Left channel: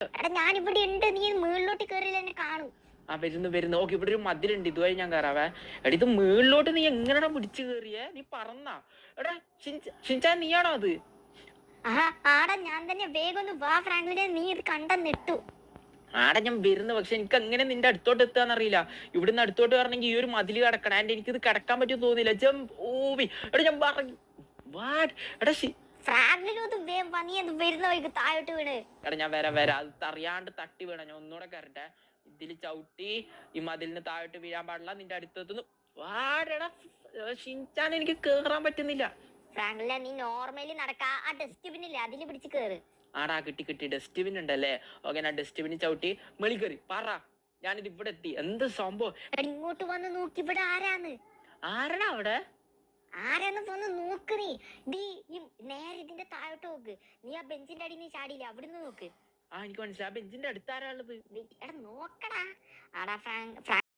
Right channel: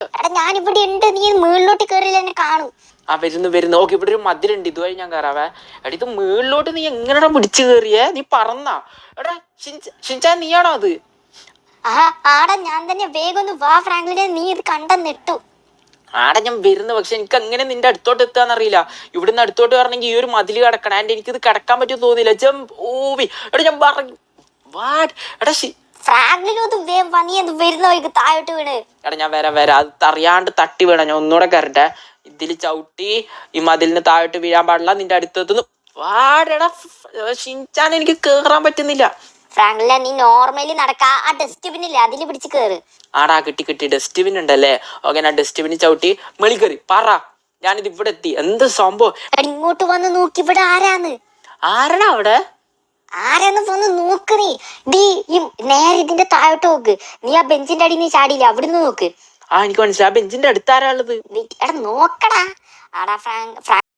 എടാ ഞാനിവിടെ ഉണ്ട്, നീ മുകളിലോട്ട് കയറിയില്ല എന്നെ കാണും. ആ വരുന്നു. ഓക്കെ, ഇവിടെ ഒരു മതിലുണ്ട്, ഇതുവഴി ഞാൻ കയറാവേ. എടാ ഇത് മുകളിലോട്ട് നീ എങ്ങനെയാ പിടിച്ചു കയറിയേ? നീ പറന്നാ? എടാ ഷിൻചാൻ നീയാണോ അത്? ആടാ ഞാൻ തന്നെ. വേഗം ഒന്ന് വാ ഫ്രാങ്ക്ലിനെ, നീ ഇത് കണ്ടെന്നിട്ടു. ആടെ ഞാൻ വരുന്നു, പക്ഷെ എനിക്ക് അങ്ങനെ നിന്റെ അടുത്തോട്ട് എത്താന്നറിയില്ല. ഇവിടുന്ന് അടുത്തോട്ട് വരണമെങ്കിൽ ഈ ഒരു മതിൽ കിടക്കണം. ആൻഡ് എനിക്കിത് കിടക്കാൻ പറ്റുമെന്ന് തോന്നില്ല. ഓവി എടാ ഞാൻ പറഞ്ഞു എടാ എടാ ഞാൻ വരാം. അത് അറിയാണ്ട് തട്ടി വീണ. ഞാൻ ഒന്നുകൂടെ കയറട്ടെ. ഇതിൽ ചവിട്ടി ഈ മതിലിന് താഴോട്ട് വീഴാൻ പാടില്ല. നിന്റെ അടുത്തെത്തുന്നു. വാടെടാ ഷിൻചാൻ, എനിക്ക് കേറാൻ പറ്റുന്നില്ല. ഫ്രാങ്ക്ലിനെ നീ നോർമലി നടക്കാ, ആ ഡസ്റ്റ്ബിനില്ലേ അതിൽ പിടിച്ച് കേറ്. ആടാ കിട്ടി. ഡസ്റ്റ്ബിൻ ഉണ്ടല്ലേ? ഓക്കെ, ഞാൻ ഡസ്റ്റ്ബിന് ചവിട്ടി മെളി കയറി. പറ, ഞാനിത് ഇവിടെ എത്തി. എന്ത് സംഭവം? ഇങ്ങോട്ട് വന്ന് നോക്കി, ഇവിടെ ആരാന്ന്? ആരാടാ അവിടെ? ആരാന്ന് വന്ന് നോക്ക് നീ. നേരെ ഇതിന്റെ താഴോട്ട് നോക്ക്. നീ ആ ബെഞ്ചിന്റെ അടി നീ ചാടിയില്ല, അവിടുന്ന് നോക്ക്. എനിക്ക് മനസ്സിലായി. ആ ബെഞ്ചിന്റെ അടുത്ത് ആരാ ഉള്ളത്? എടാ നോക്കടാ. ആടാ ഫ്രാങ്ക്